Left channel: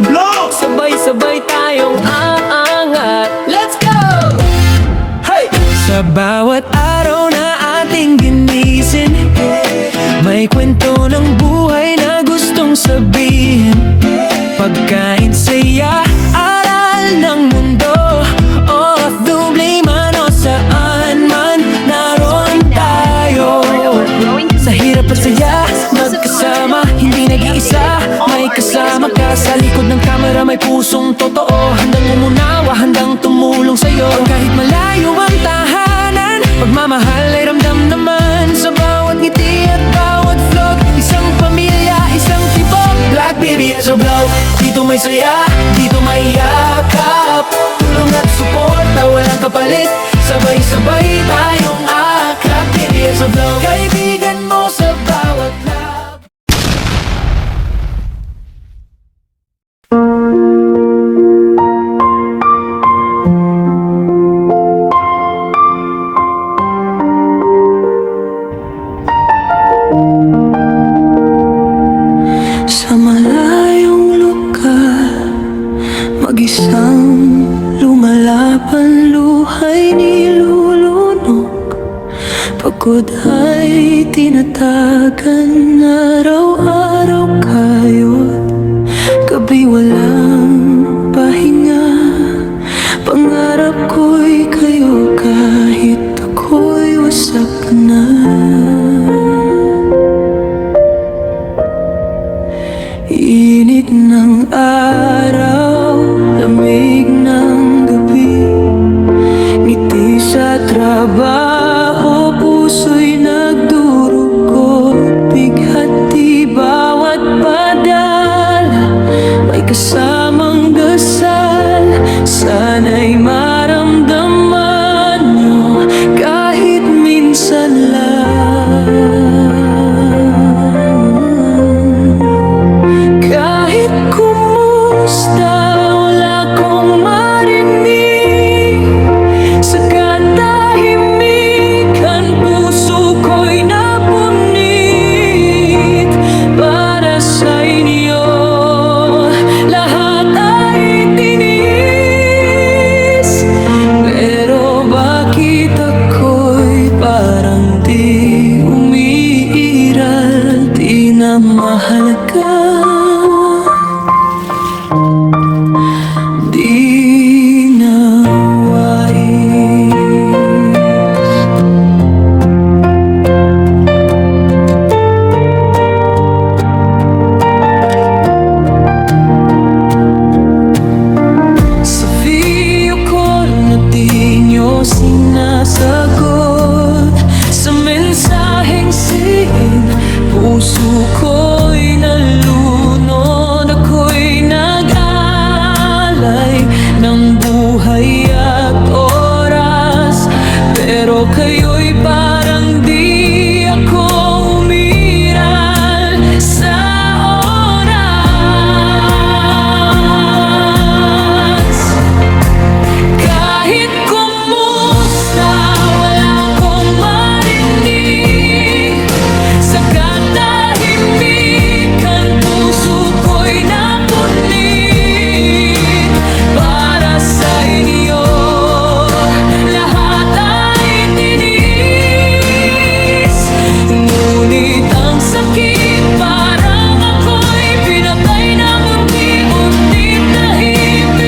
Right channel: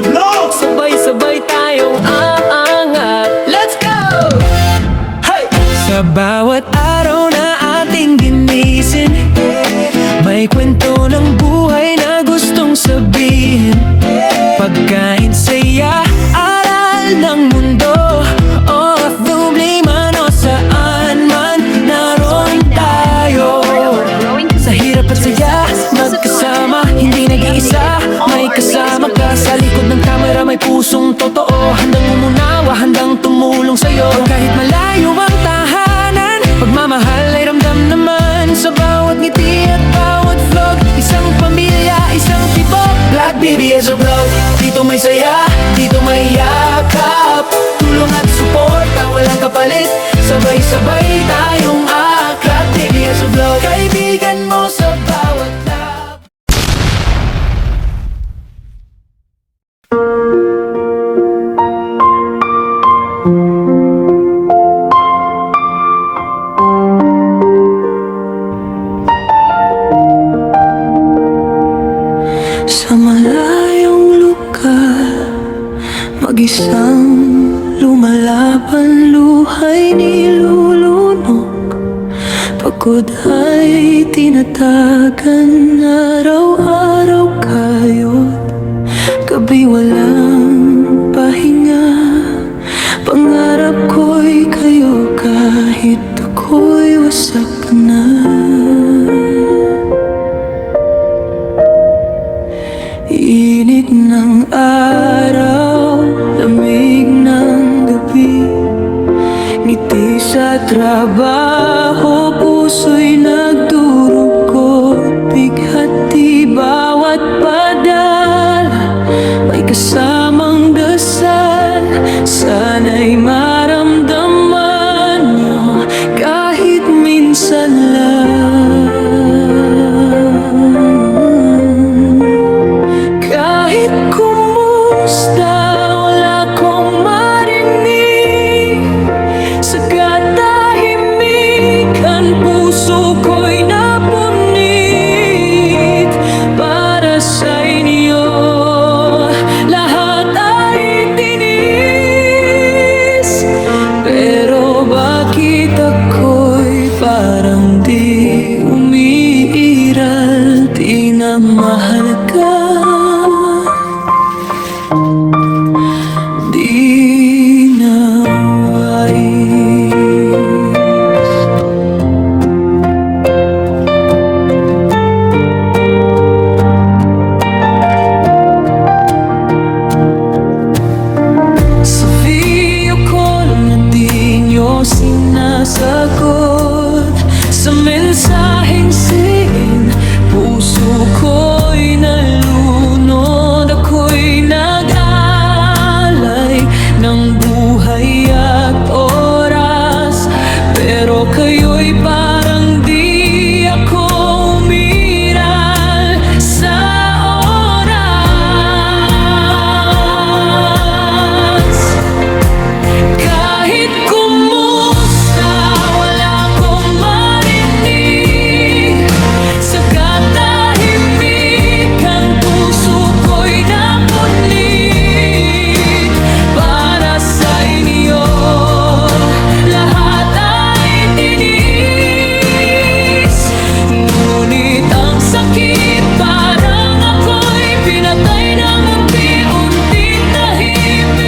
the block! Sabay-sabay tayong aangat. Let's go! Hey! Sa bawat araw na ating ginisin, may kwento ng buhay na gustong sabihin. Pagkain, saya, aral ng mundo, OFW man o saan man, naroon tayo. Sa hirap at saya, magkasama, hindi nag-iisa. May kasama ka sa likod ng kamera, may pusong totoo, handang umunawa, handang tumulong sa'yo. Kahit malayo ang tahanan, pagmamahal ay ramdam naman. Sa bawat ngiti at bawat vlog, isang pamilya, isang tibok. Black BBS o Vlog, dito may saya, dito may yakap. Tulong at suporta, walang kapalit. Sabay-sabay tayong akat. BBS o Vlog, kaibigan mo sa bawat lap. Sa malayong lugar, mag-isang lumalaban, luhay nilulunok. Pagod ay tinatagan, araw-araw kayo't gabi walang pahinga. Pangarap ko'y kayo kahit ako'y wasak na. Init ng araw, lamig ng gabi, ngiti sa trabaho, puso'y nagdurugot. Bighati bawat padala, may kasamang dasal. Sana'y maramdaman nyo kahit minsan lang. Kahit kumusta, wala kong marinig. Sa katahimikan, puso ko'y napunit. Para sa inyo, lahat ay tinis. Pero bakit ako'y parang di umiiral, di na mahalaga, di na wais. Sa video call na di nyo sinasagot, sa mensaheng siin, puso ko'y nalunod. Ako'y nag-alay ng buhay at oras, pero kayo'y parang di ako umiral sa oras. Kahit kumusta, wala akong marinig. Sa katahimikan, puso ko'y napunit. Para sa inyo, lahat ay tinis. Ngunit ang sakit, parang ako'y pinatay ng unti-unti tahimik.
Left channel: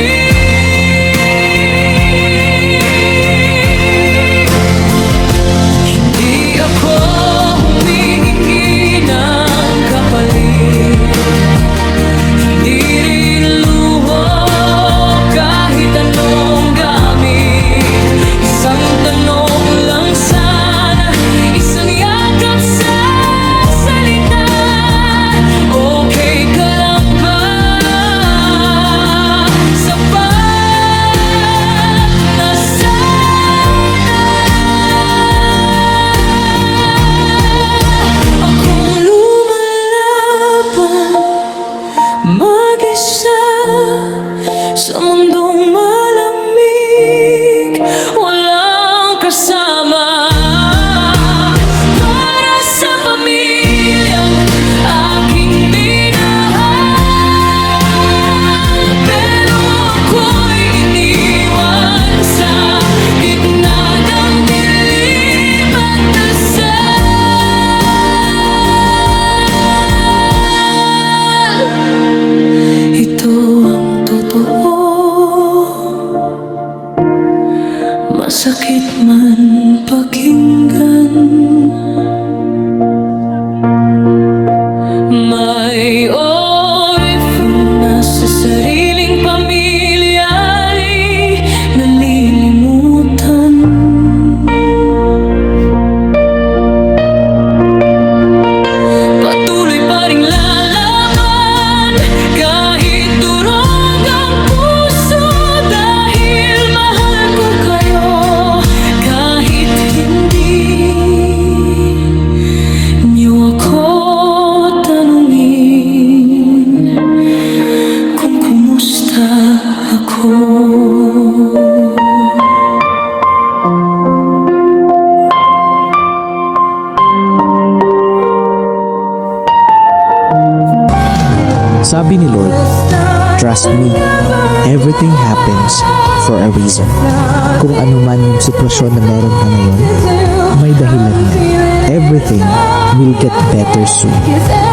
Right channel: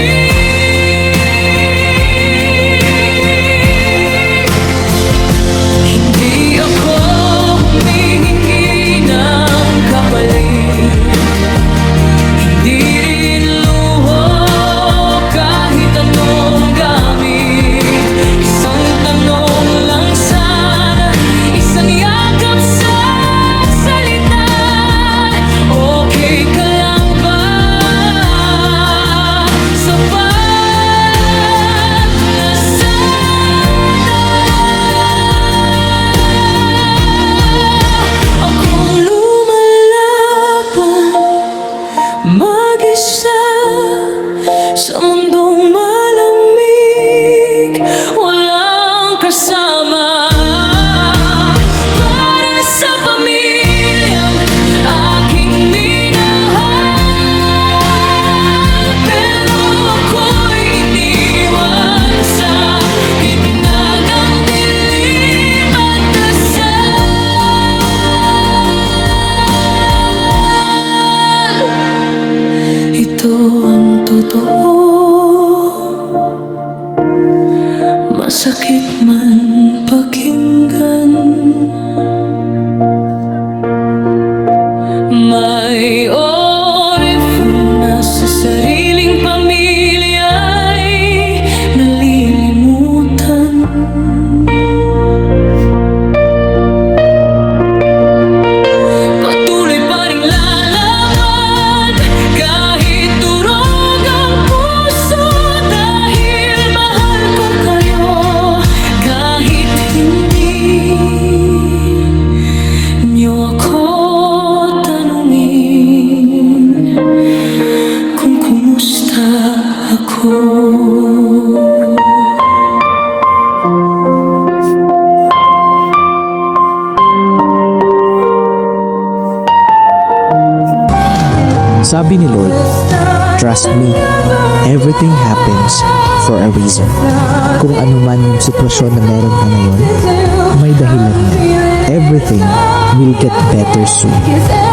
Hindi ako humihingi ng kapalit, hindi rin luho kahit anong gamit. Isang tanong lang sana, isang yakap sa salita. Okay ka lang ba? Sapat na sana. Akong lumalaban, mag-isa sa mundong malamig, walang kasama. Para sa pamilyang aking minahal, ito ang totoo, masakit man pakinggan. May orifuna sa sariling pamilya ay nalilimutan. Patuloy pa ring lalaban kahit durog ang puso, dahil mahal ko kayo kahit hindi niyo ako tanungin kung kumusta ako. Sabi ni Lord, trust me, everything happens for a reason. Kung ano man yung sitwasyon na meron ka ngayon, may dahilan na. Everything will get better soon.